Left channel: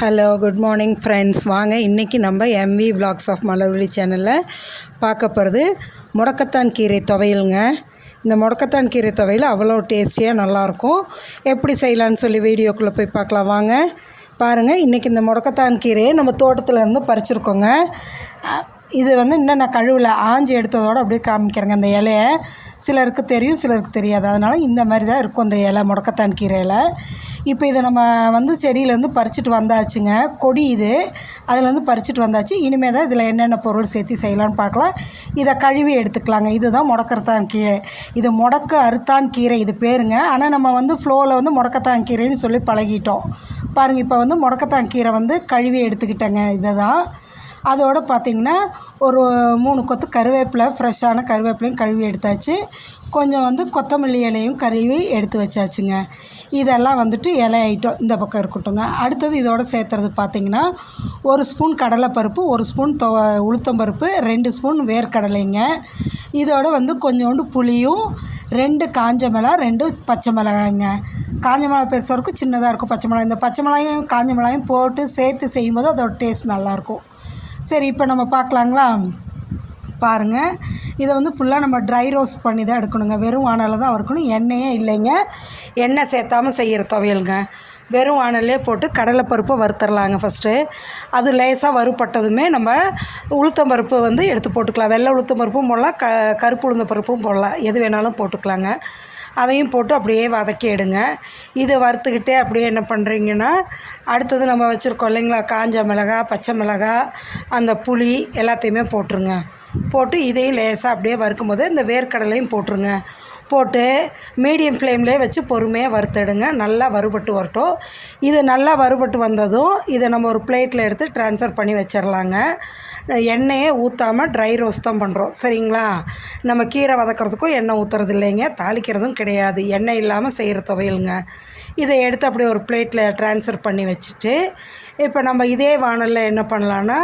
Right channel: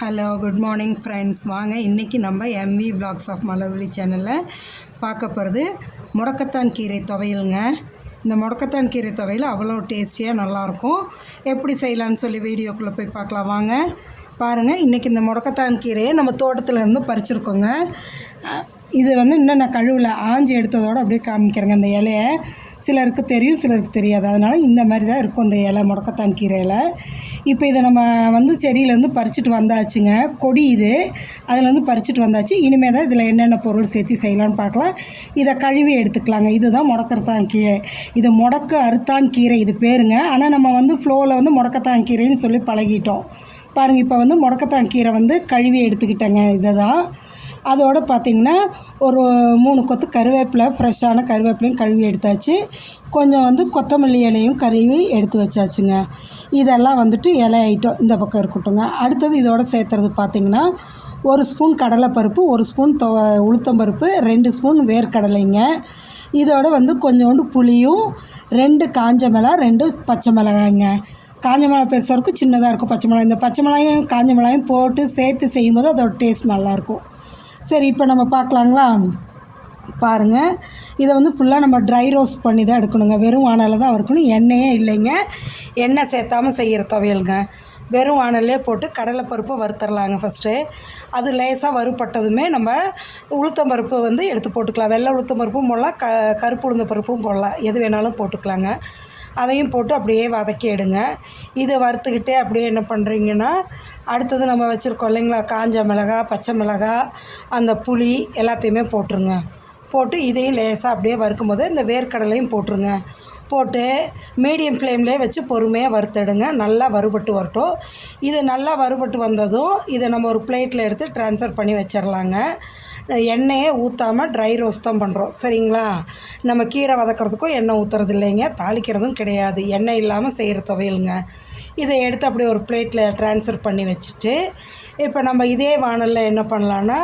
Hello good morning friends வாங்க இன்றைக்கி நம்ம எம்வி vlogs ஆஃப் மலர்வழி சேனலில் பார்க்க போகிறது முடக்கத்தான் கீரை துவையலுங்க. இந்த முடக்கத்தான் கீரை துவையல் அவ்வளோ டேஸ்டியாக நல்லாயிருக்கும். எப்படி செய்யலான்னு சொல்லி வீடியோக்குள்ளே போய் பார்க்கலாம். வாங்க பாருங்கள் இன்றைக்கி இந்த முடக்கத்தான் கீரையை நம்ம தோட்டத்தில் இருந்து பறிச்சிருக்கோங்க. இது வந்து இன்னும் நான் கழுவில் ஆஞ்சி எடுத்ததோடு அப்படியே காமிக்கிறேங்க. இந்த இலையை சிலருக்கு தெரியும் சிலருக்கு தெரியாது. அதனால் இந்த மாதிரி தான் இருக்கும் இந்த இலை முடக்கத்தான் கீரை இலை இப்போ இதை நம்ம வந்து செடியிலேருந்து பறிச்சுட்டு வந்தாச்சுங்க. கொடி இது. அதுலேருந்து பறிச்சுட்டு வந்தாச்சு. இனிமேல் தான் இதில் என்னென்ன பொருள் சேர்த்து செய்யலாம்னு பார்க்கலாம். இதை கழுவி எடுத்துக்கலாங்க. இதுதான் முடக்கத்தான் கீரை. இது முடக்கு அறுத்தான் கீரை. இது பேருங்க. ஆனால் நம்ம வந்து ஃப்ளோவில் வந்து முடக்கத்தான் கீரைன்னு சொல்லி பழகிட்டோம். பாருங்கள் இப்போ வந்து முடக்கத்தான் கீரை வந்து கழுவி எடுத்துக்கிட்டேங்க. இதை தான் அதோடு பார்த்திங்கன்னா ஒரு மூணு கொத்து கருவேப்பிலை ஃப்ரெஷ்ஷான கருவேப்பிலையும் கழுவி எடுத்தாச்சு. கொஞ்சம் வந்து கொத்தமல்லி இலையும் கழுவி எடுத்து வச்சாச்சுங்க. இதெல்லாம் வந்துட்டு இலை ஐட்டம் இந்த பக்கம் இருக்கட்டும்ங்க. அடுத்தது இதோட சேர்த்துறது பார்த்திங்கன்னா ஒரு ஸ்பூன் கடலைப்பருப்பு ஒரு ஸ்பூன் தொ உளுத்தம்பருப்பு ரெண்டு ஸ்பூன் வேர்க்கடலைங்க. இதோட வந்து கொஞ்சோண்டு புளியும் ரெண்டு காஞ்ச மிளகா ரெண்டு பச்சை மிளகாய்ங்க. காஞ்ச மிளகா பெருசாக இருக்கும் சின்னதாக இருக்கும் பச்சை மிளகாய் இந்த பச்சை மிளகாயும் காஞ்ச மிளகாயும் போட்டு சேர்த்து செய்யும்போது அதோட டேஸ்ட் நல்லாயிருக்கும் சரி இப்போ நம்ம பார்க்கலாங்களா? பாருங்கள் இதை வந்து ஃபுல்லாக நம்ம ட்ரை ரோஸ்ட் பண்ணி தான் எடுக்கணுங்க. வெறும் வானலில் தான் இருக்கணும் எண்ணெயே இல்லைங்க. எண்ணெய் சேர்த்தாம செய்கிற துவையலுங்க. வெறும் வானல்லே போட்டு கடலைப்பருப்பை வறுத்துடலாங்க ஃபஸ்ட்டு அது லேசாக வறுப்பட்டதுமே நம்ம உளுத்தம்பருப்பு வந்து எடுத்து போட்டுக்கலாம். வெள்ளை உளுத்தம்பருப்பும் போடலாம். க கருப்பு உளுந்த பருப்பும் போடலாம். எது வேணாலும் போட்டுக்கலாங்க. அதையும் போட்டு அப்படியே வதக்கி எடுங்க. இதை வறுத்துக்கிட்டே அப்படியே என்ன பண்ணுறீங்கன்னா அடுத்தது நம்ம வச்சுருக்கோம் இல்லைங்களா? காஞ்ச மிளகா பச்சை மிளகா அந்த புளி எல்லாத்தையுமே போட்டுருங்க. போட்டு இதையும் லேசாக அப்படியே வறுக்கும்போது இந்த வேர்க்கடலையும் போட்டுருங்க. போட்டு மீடியம் ஃப்ளேம்லேயே வச்சு பொறுமையாக வறுத்தெடுங்க. நல்லா வறுபட்டு வரட்டும். இது நல்லா வறுபட்டு வந்ததும் இதை நம்ம ஒரு பிளேட்டில் எடுத்து ட்ரான்ஸ்ஃபர் பண்ணி வச்சிடலாங்க எண்ணெயை ஊற்றாமல் ட்ரை ரோஸ்ட் தான் பண்ணுறோம் சரிங்களா? நம்ம கீரை வதக்கிறதுக்கும் எண்ணெய் ஊற்றுறது இல்லைங்க. தாளிக்கிறதும் கிடையாது. எண்ணெய் இல்லாமல் செய்கிற துவையலுங்க. இதை எடுத்து அப்படியே ஒரு பிளேட்டில் ட்ரான்ஸ்ஃபர் பண்ணி வச்சுட்டு இப்போ நம்ம இதே வானலில் என்ன பண்ணலான்னா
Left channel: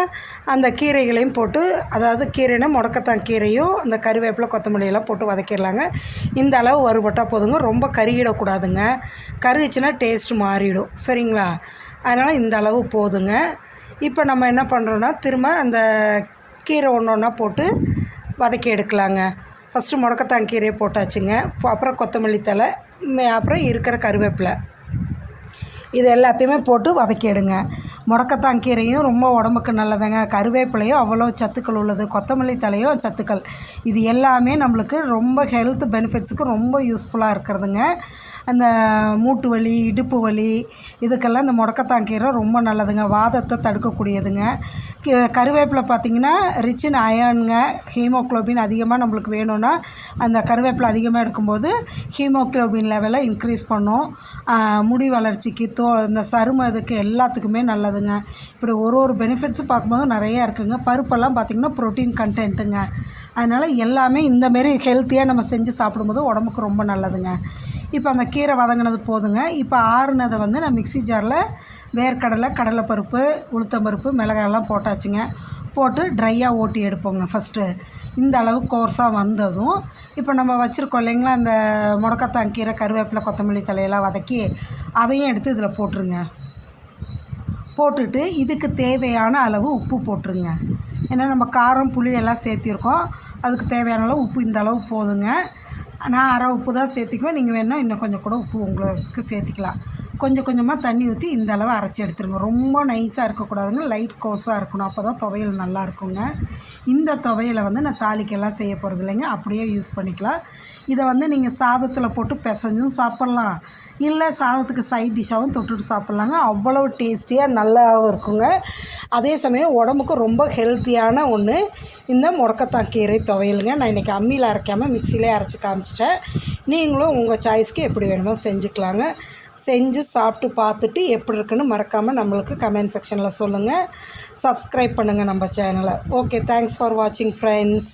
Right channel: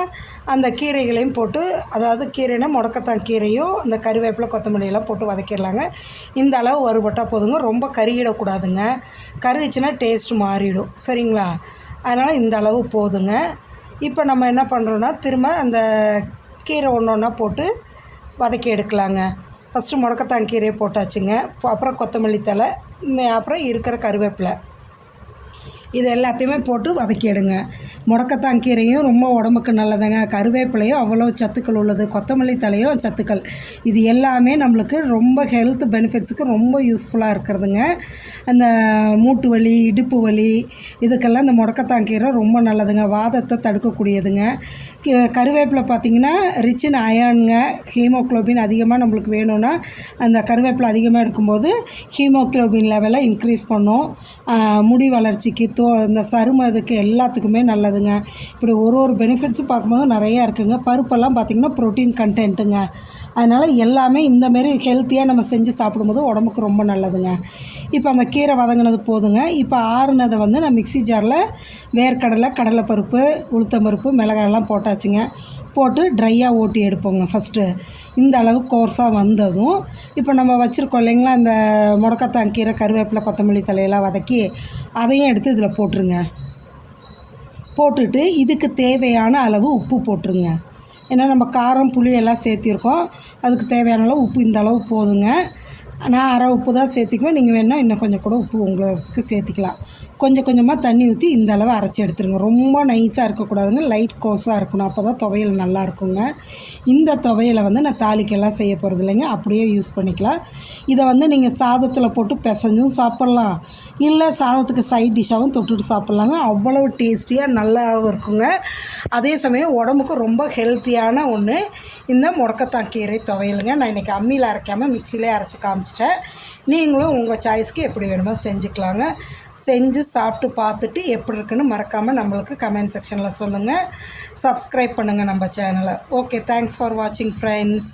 அந்த கீரைகளையும் போட்டு அதாவது கீரைனா முடக்கத்தான் கீரையும் அந்த கருவேப்பிலை கொத்தமல்லியெல்லாம் போட்டு வதக்கிடலாங்க. இந்த அளவு வறுபட்டால் போதுங்க. ரொம்ப கருகிடக்கூடாதுங்க. கருகிச்சுன்னா டேஸ்ட் மாறிடும். சரிங்களா? அதனால் இந்த அளவு போதுங்க. இப்போ நம்ம என்ன பண்ணுறோன்னா திரும்ப அந்த கீரை ஒன்று ஒன்றா போட்டு வதக்கி எடுக்கலாங்க. ஃபஸ்ட்டு முடக்கத்தான் கீரையை போட்டாச்சுங்க. அப்புறம் கொத்தமல்லி தழை அப்புறம் இருக்கிற கருவேப்பிலை. இது எல்லாத்தையுமே போட்டு வதக்கிடுங்க. முடக்கத்தான் கீரையும் ரொம்ப உடம்புக்கு நல்லதுங்க. கருவேப்பிலையும் அவ்வளோ சத்துக்கள் உள்ளது. கொத்தமல்லி தலையும் சத்துக்கள். இது எல்லாமே நம்மளுக்கு ரொம்ப ஹெல்த் பெனிஃபிட்ஸுக்கு ரொம்ப யூஸ்ஃபுல்லாக இருக்கிறதுங்க. அந்த மூட்டு வலி இடுப்பு வலி இதுக்கெல்லாம் இந்த முடக்கத்தான் கீரை ரொம்ப நல்லதுங்க. வாதத்தை தடுக்கக்கூடியதுங்க. கருவேப்பிலை பார்த்திங்கன்னா ரிச் இன் அயனுங்க ஹீமோக்ளோபின் அதிகமாக நம்மளுக்கு வேணும்னா அந்த கருவேப்பிலை அதிகமாக எடுக்கும்போது ஹீமோக்ளோபின் லெவலை இன்க்ரீஸ் பண்ணும். முடி வளர்ச்சிக்கு தோ இந்த சரும இதுக்கு எல்லாத்துக்குமே நல்லதுங்க இப்படி ஒரு ஒரு பெனிஃபிட்ஸும் பார்க்கும்போது நிறையா இருக்குங்க. பருப்பெல்லாம் பார்த்திங்கன்னா ப்ரோட்டீன் கண்டென்ட்டுங்க அதனால் எல்லாமே இந்த மாரி ஹெல்த்தியாக நம்ம செஞ்சு சாப்பிடும்போது உடம்புக்கு ரொம்ப நல்லதுங்க. இப்போ அந்த கீரை வதங்கினது போதுங்க. இப்போ ஆறுனதை வந்து நான் மிக்ஸி ஜாரில் வேர்க்கடலை கடலைப்பருப்பு உளுத்தம்பருப்பு மிளகாயெல்லாம் போட்டாச்சுங்க. போட்டு ட்ரையாக ஓட்டி எடுப்போங்க ஃபஸ்ட்டு இந்த அளவு கோர்ஸாக வந்ததும் இப்போ நம்ம வச்சுருக்கோம் இல்லைங்களா அந்த முடக்கத்தான் கீரை கருவேப்பிலை கொத்தமல்லி தலையெல்லாம் வதக்கி அதையும் எடுத்து இதில் போட்டுருங்க. போட்டுட்டு இதுக்கு தேவையான அளவு உப்பு போட்டுருங்க. ஏன்னா நம்ம காரம் புளி எல்லாம் சேர்த்திருக்கோம். அதுக்கு தேவையான அளவு உப்பு இந்த அளவு போதுங்க. நான் அரை உப்பு தான் சேர்த்திக்குவேன். நீங்கள் வேணால் இன்னும் கொஞ்சம் கூட உப்பு உங்களுக்கு சேர்த்திக்கலாம். கொஞ்சம் கொஞ்சமாக தண்ணி ஊற்றி இந்த அளவு அரைச்சி எடுத்துருங்க. ரொம்ப நைஸாக இருக்கக்கூடாதுங்க. லைட் கோஸாக இருக்கணும். அப்போ தான் துவையல் நல்லா இருக்குங்க. இந்த துவையலை வந்து நான் தாளிக்கெல்லாம் செய்ய போகிறது இல்லைங்க. அப்படியே யூஸ் பண்ணிக்கலாம். இதை வந்து நீங்கள் சாதத்தில் போட்டு பிசைஞ்சும் சாப்பிட்லாம். இல்லை சாதத்துக்கு சைட் டிஷ்ஷாகவும் தொட்டுட்டு சாப்பிட்லாங்க. அவ்வளோ டேஸ்டியாக நல்லாவும் இருக்குங்க. அதே சமயம் உடம்புக்கு ரொம்ப ஹெல்த்தியான ஒன்று இந்த முடக்கத்தான் கீரை துவையலுங்க. நான் இன்றைக்கி அம்மியில் அரைக்காமல் மிக்சியிலே அரைச்சி காமிச்சிட்டேன். நீங்களும் உங்கள் சாய்ஸ்க்கு எப்படி வேணுமோ செஞ்சுக்கலாங்க. செஞ்சு சாப்பிட்டு பார்த்துட்டு எப்படி இருக்குன்னு மறக்காமல் நம்மளுக்கு கமெண்ட் செக்ஷனில் சொல்லுங்கள் சப்ஸ்கிரைப் பண்ணுங்கள் நம்ம சேனலை ஓகே தேங்க்ஸ் ஃபார் வாட்சிங் ஃப்ரெண்ட்ஸ்